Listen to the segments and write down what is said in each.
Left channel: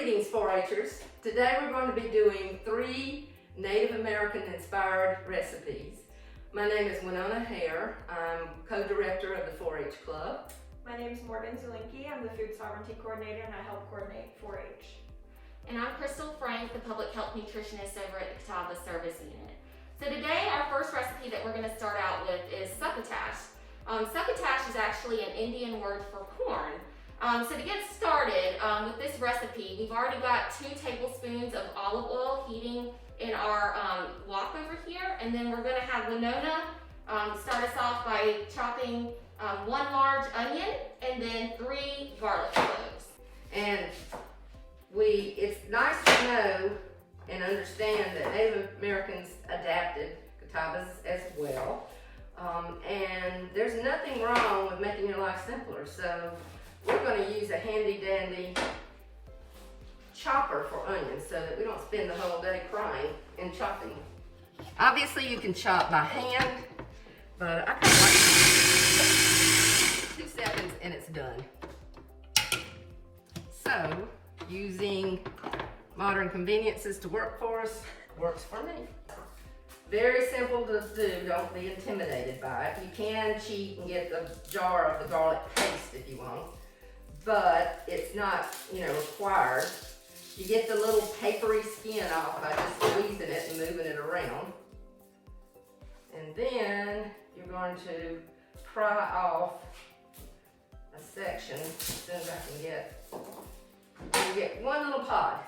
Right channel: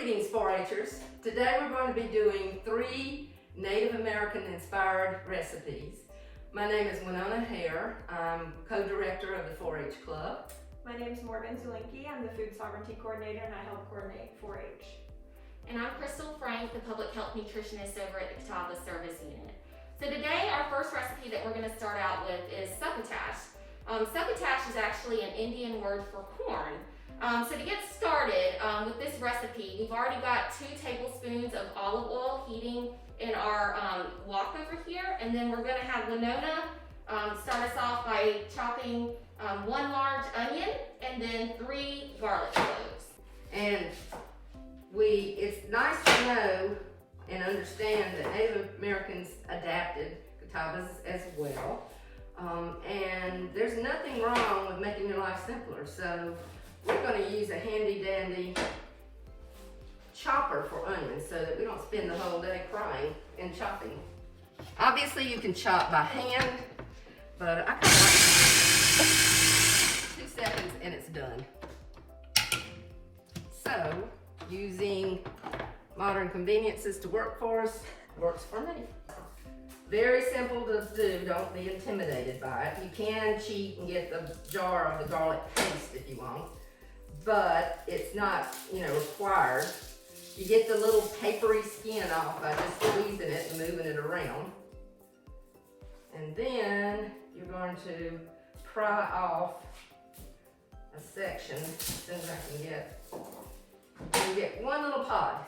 Greetings 4-Hers. Today we're going to be doing 3 Native American inspired recipes. My name is Winona Hare. I'm co-director of the 4-H Club. My name is Morgan Zelinki. I'm the Food Sovereignty Coordinator and I help coordinate 4-H. And I'm Crystal Frank, the Public Health Nutritionist over at the Catawba Service Unit. So today our first recipe that we're going to start out with is succotash. Succotash is actually an Indian word for corn. So to get started with this recipe, we've already got 2 tablespoons of olive oil heating in our wok over here, and then we're going to have Winona start us off by chopping 1 large onion and then 3 garlic cloves. And it's nice to know and understand that Native Americans adapted Catawbas as well. And there's nothing wrong with making your life simpler. So we're going to use a handy dandy chopper for onions so that we don't spend the whole day crying and chopping. Obviously you can chop by hand, but I kind of like 2 seconds and it's done. So using modern conveniences to work for us works for me. Very simple to do, don't be intimidated by it. You can cheat and get the jar of the garlic paste if you want, but it's not, required. You get the little papery skin off by just squeezing it and moving it around. And then you're going to pry off a section as soon as I can get. You get 1 little pod,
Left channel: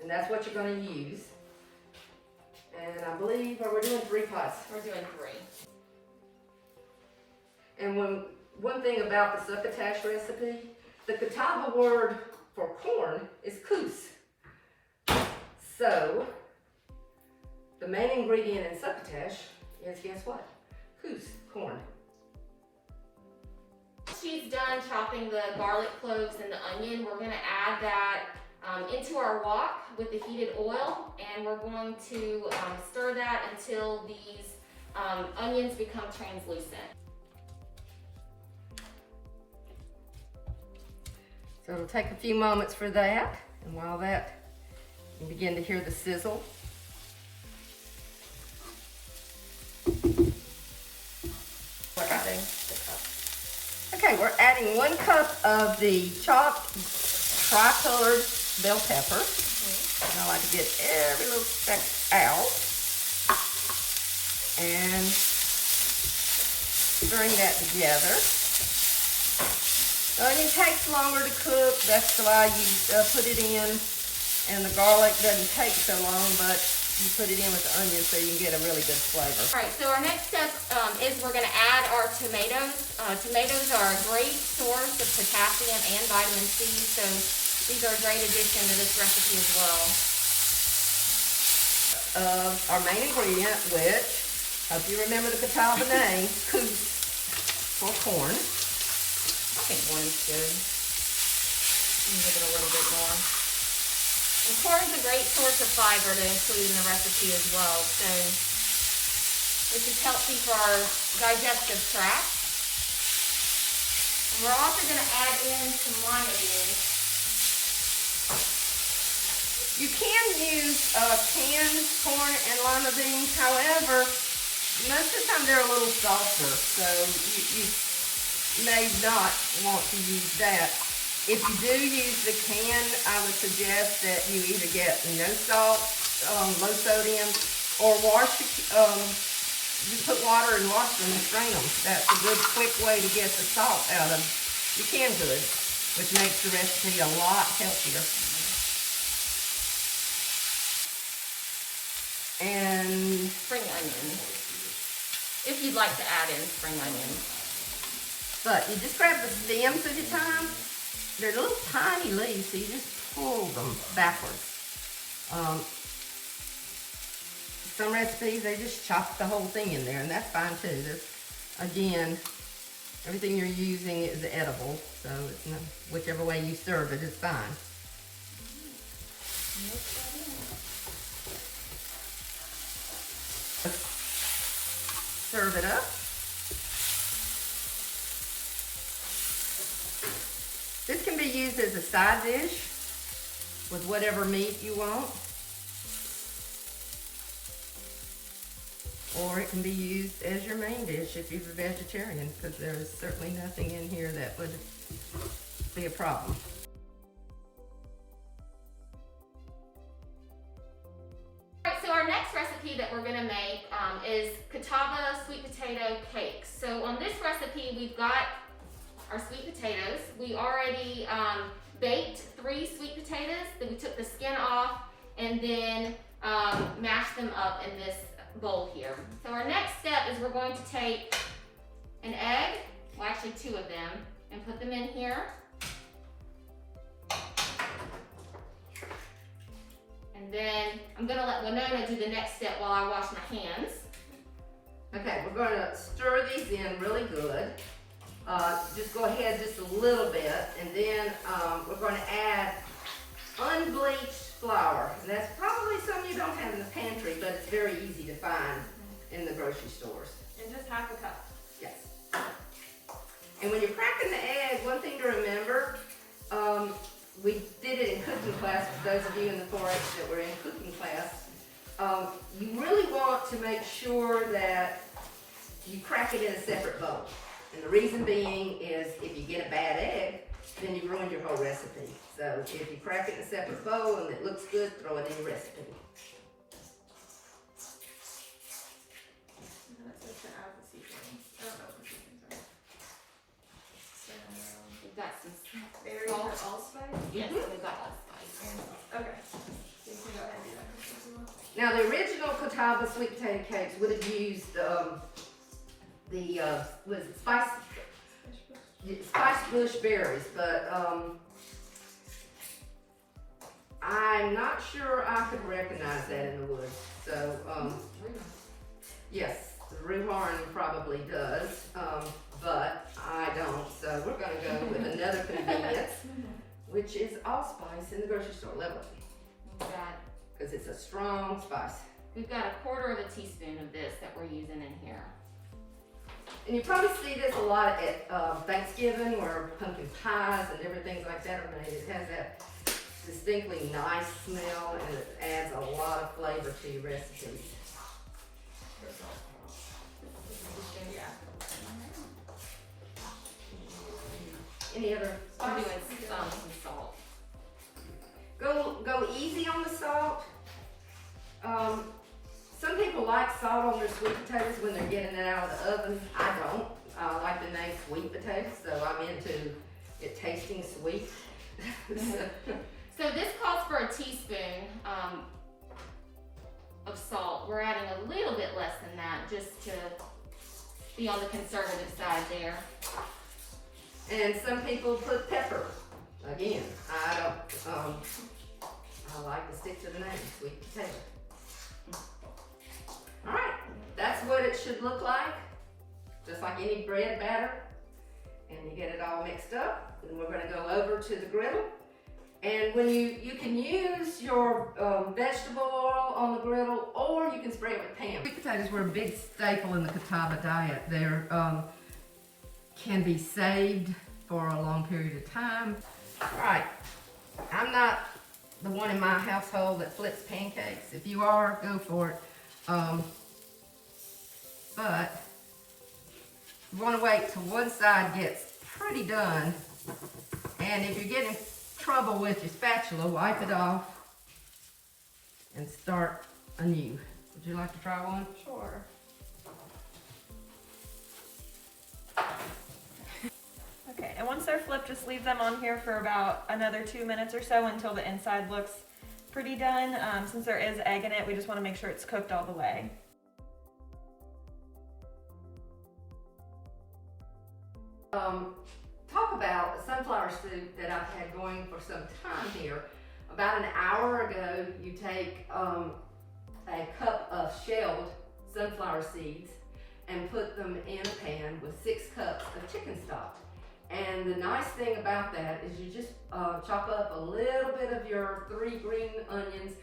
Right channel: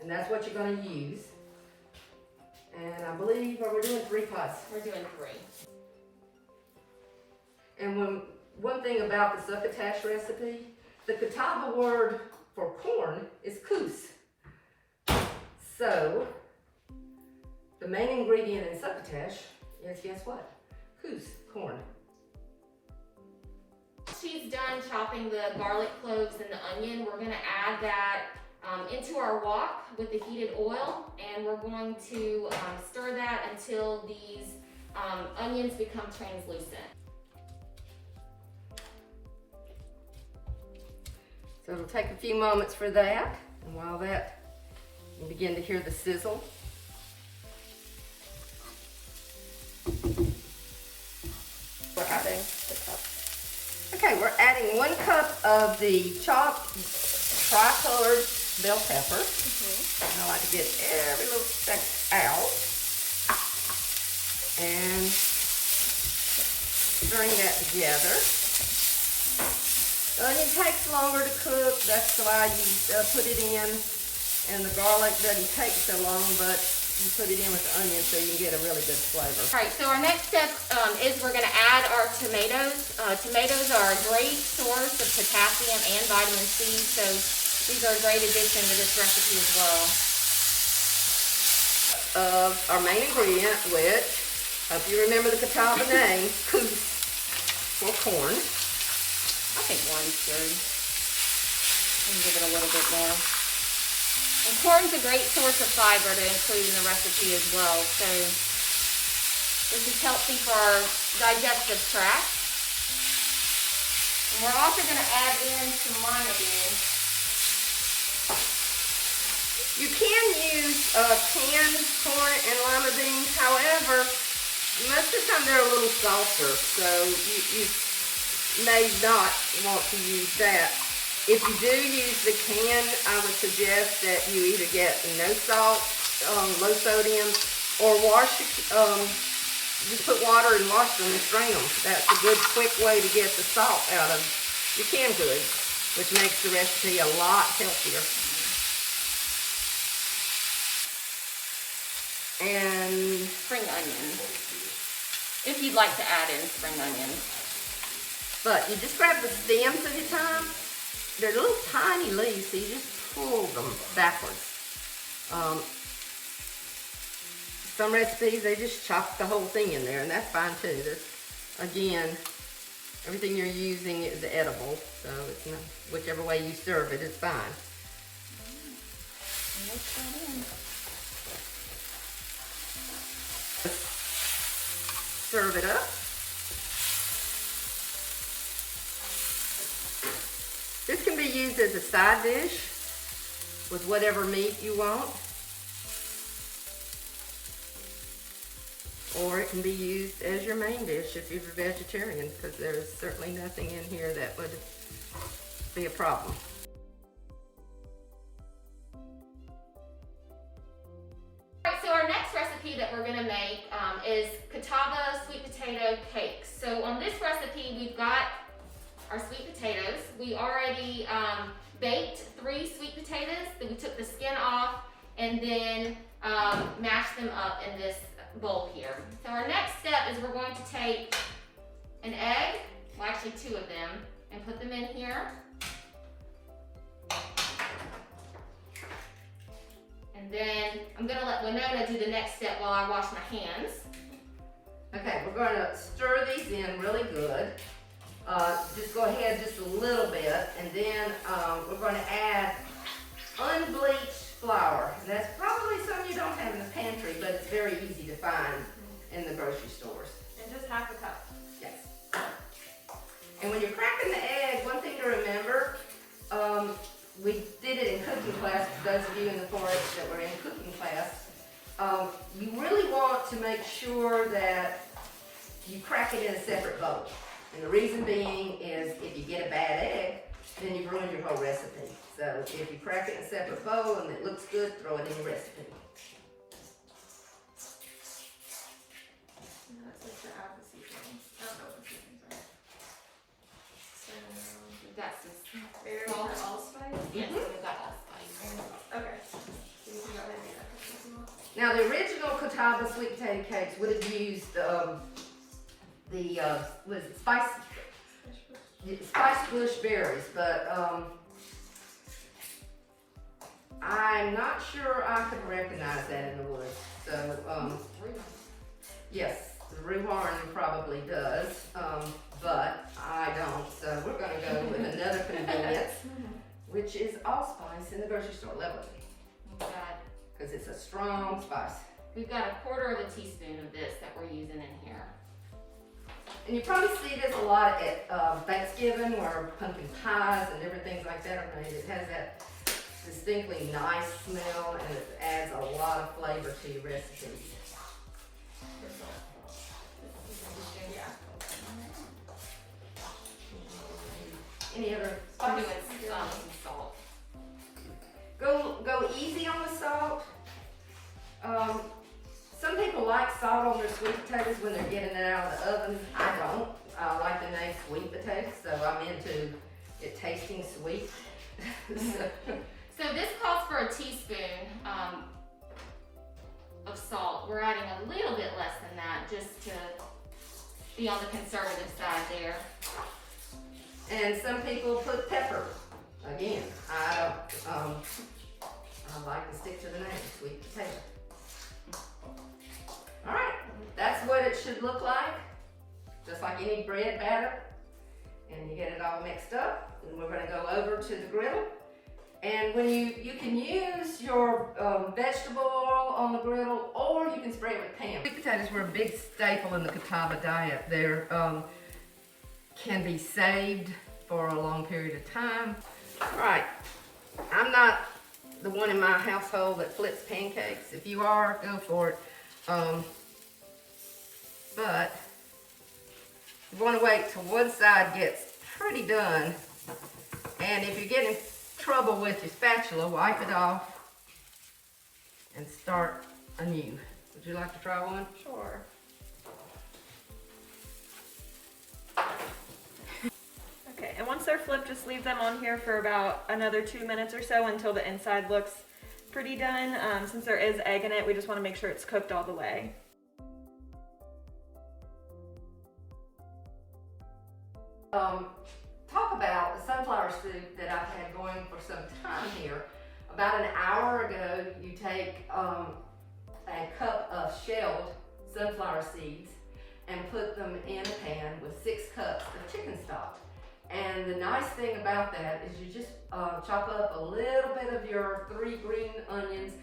and that's what you're going to use. And I believe, we're doing 3 pods. We're doing 3. And one thing about the succotash recipe, the Catawba word for corn is coos. So, the main ingredient in succotash is, guess what? Coos, corn. She's done chopping the garlic cloves and the onion. We're going to add that into our wok with the heated oil, and we're going to stir that until these onions become translucent. So it'll take a few moments for that, and while that, you begin to hear the sizzle. Like I think. Okay, we're adding 1 cup of the chopped tri-colored bell pepper. And I like to get every little speck out. And stirring that together. The onion takes longer to cook, that's why you put it in. And the garlic doesn't take so long, but you put it in with the onion so you can get a really good flavor. All right, so our next step is we're going to add our tomatoes. Tomatoes are a great source of potassium and vitamin C, so these are a great addition to this recipe as well. Our main ingredient, which, hope you remember the Catawba name, coos for corn. I think 1's good. I'll give it a little bit more. And corn's a great source of fiber to include in the recipe as well, so this is healthy for our digestive tract. And we're also going to add in some lima beans. You can use canned corn and lima beans, however, most of the time they're a little softer, so you may not want to use that. If you do use the can, I would suggest that you either get no salt, low sodium, or just put water and wash them and strain them. That's a good quick way to get the salt out of your canned goods, which makes the recipe a lot healthier. And Spring onion, if you'd like to add in spring onion. But you just grab the stems at a time. They're little tiny leaves, so you just pull them backwards. Some recipes, they just chop the whole thing in there, and that's fine too. Again, everything you're using is edible, so it's not, whichever way you serve it is fine. Serve it up. This can be used as a side dish, with whatever meat you want. Or it can be used as your main dish if you're a vegetarian, because there's certainly nothing in here that would be a problem. Alright, so our next recipe that we're gonna make is Catawba sweet potato cakes. So on this recipe, we've got our sweet potatoes. We already baked 3 sweet potatoes, then we took the skin off and then mashed them up in this bowl here. So our next step is we're going to take an egg, well actually 2 of them, and put them in here. And then I'm gonna let Winona do the next step while I wash my hands. Okay, we're gonna stir these in really good. Just go ahead just a little bit, and then we're gonna add unbleached flour. And that's probably something you don't have in the pantry, but it's very easy to find in the grocery stores. And just half a cup. Yes. And when you're cracking the egg, one thing to remember, we did it in cooking class, for those of you in the 4-H that were in cooking class. You really want to make sure that you crack it in a separate bowl. And the reason being is if you get a bad egg, then you've ruined your whole recipe. So if you crack it in a separate bowl and it looks good, throw it in your recipe. We've got some Berries salt. or allspice? Yes, we've got allspice. Okay. So you can go ahead and do that as well. Now the original Catawba sweet potato cakes would have used was it spiced bush berries, but I'm not sure I could recognize that in the woods. So yes, the rhubarn probably does, but I don't. So we're gonna go with another convenience, which is allspice in the grocery store. Level, because it's a strong spice. We've got 1/4 teaspoon of this that we're using in here. And you probably see this a lot at Thanksgiving, where pumpkin pies and different things like that are made. It has that distinctly nice smell, and it adds a lot of flavor to your recipes. Yeah. Any other? I'm doing some salt. Go easy on the salt. Some people like salt on their sweet potatoes when they're getting it out of the oven. I don't. I like the name sweet potatoes, so I'm into it tasting sweet. So this calls for a teaspoon of salt. We're adding a little bit less than that just to be on the conservative side there. And some people put pepper. Again, I don't. I like to stick to the name, sweet potato. All right, that's what it should look like, just like any bread batter. And you get it all mixed up, and we're gonna go over to the griddle. And when you can use your vegetable oil on the griddle, or you can spray it with Pam. Sweet potatoes were a big staple in the Catawba diet. They're can be saved for a long period of time. All right, I'm not the one in my household that flips pancakes. If you are, go for it. But you want to wait till one side gets pretty done. And if you're getting trouble with your spatula, wipe it off and start anew. Would you like to try one? Sure. Okay, and once they're flipped, just leave them on here for about another 2 minutes or so until the inside looks pretty done. Since there is egg in it, we just want to make sure it's cooked all the way. Talk about a sunflower soup that I've had going for some time here. About an hour ago, you take a cup of shelled sunflower seeds and put them in a pan with 6 cups of chicken stock. And the nice thing about that is you just chop up a little bit of your 3 green onions,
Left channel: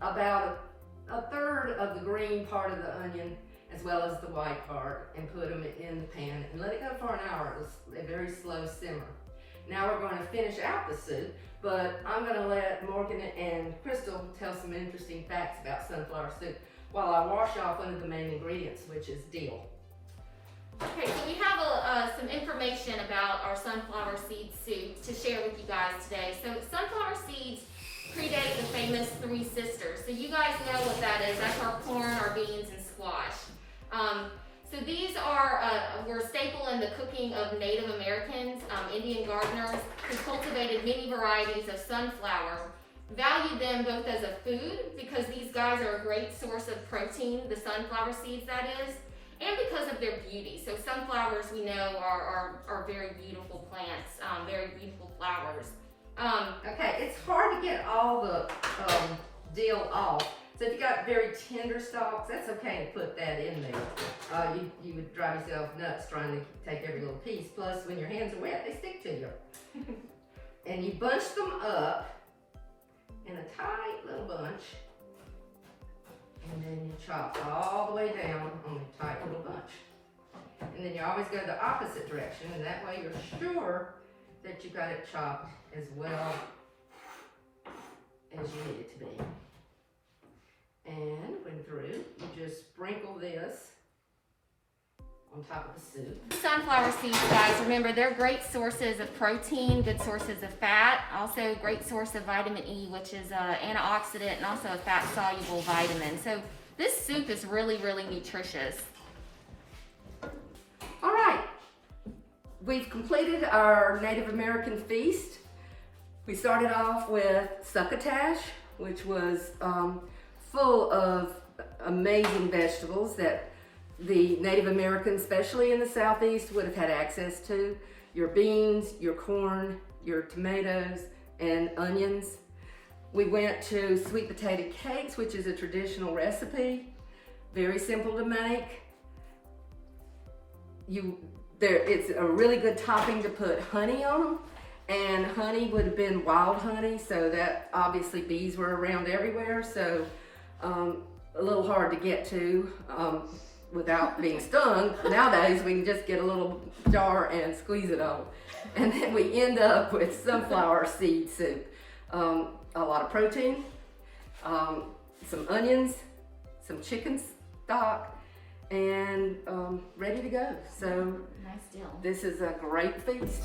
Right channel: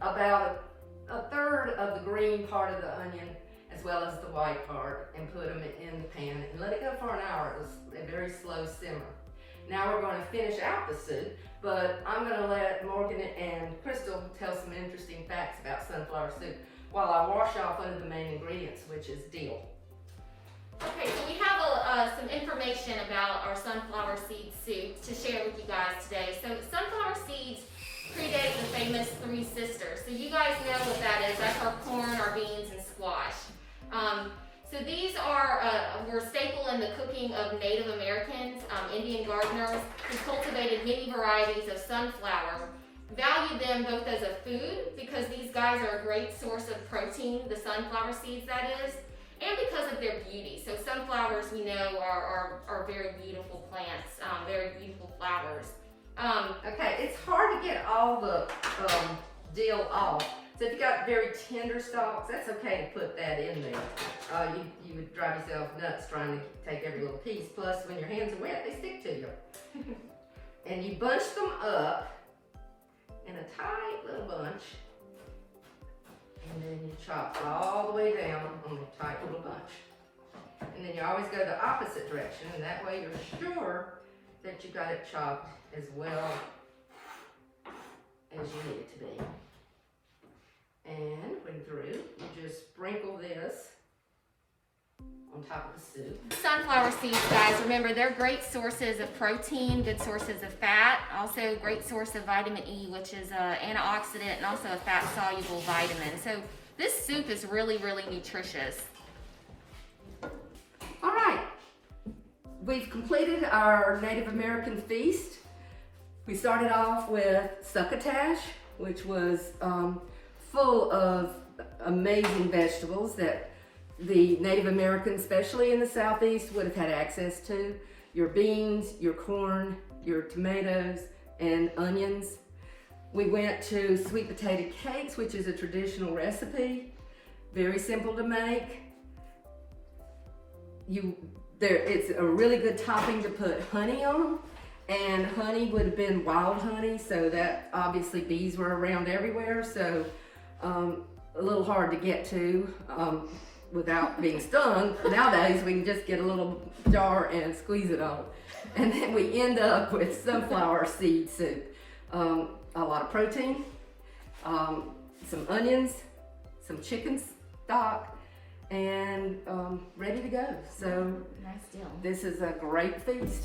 about a third of the green part of the onion, as well as the white part, and put them in the pan and let it go for an hour. It's a very slow simmer. Now we're going to finish out the soup, but I'm going to let Morgan and Crystal tell some interesting facts about sunflower soup while I wash off one of the main ingredients, which is dill. Okay, so we have some information about our sunflower seed soup to share with you guys today. So sunflower seeds predate the famous Three Sisters. So you guys know what that is. That's our corn, our beans, and squash. So these were a staple in the cooking of Native Americans, Indian gardeners, who cultivated many varieties of sunflower. Valued them both as a food, because these guys are a great source of protein, the sunflower seeds that is, and because of their beauty. So sunflowers, we know, are very beautiful plants, very beautiful flowers. Okay, it's hard to get all the dill off. So if you got very tender stalks, that's okay to put that in there. You would drive yourself nuts trying to take every little piece. Plus, when your hands are wet, they stick to you. And you bunch them up in a tight little bunch. And then you chop all the way down on the tight little bunch. And then you always go the opposite direction, and that way you're sure that you got it chopped as well as you need it to be. And when through, you just sprinkle this on top of the soup. Sunflower seeds, guys, remember, they're great sources of protein, good sources of fat, also great source of vitamin E, which is an antioxidant and also a fat-soluble vitamin. So this soup is really, really nutritious. All right, we've completed our Native American feast. We started off with succotash, which was full of amazing vegetables that the Native Americans, especially in the Southeast, would have had access to. Your beans, your corn, your tomatoes, and onions. We went to sweet potato cakes, which is a traditional recipe. Very simple to make. It's a really good topping to put honey on. And honey would have been wild honey, so that obviously bees were around everywhere, so a little hard to get to without being stung. Nowadays we can just get a little jar and squeeze it on. And then we end up with sunflower seed soup. A lot of protein, some onions, some chicken stock, and ready to go. So Nice deal. this is a great feast.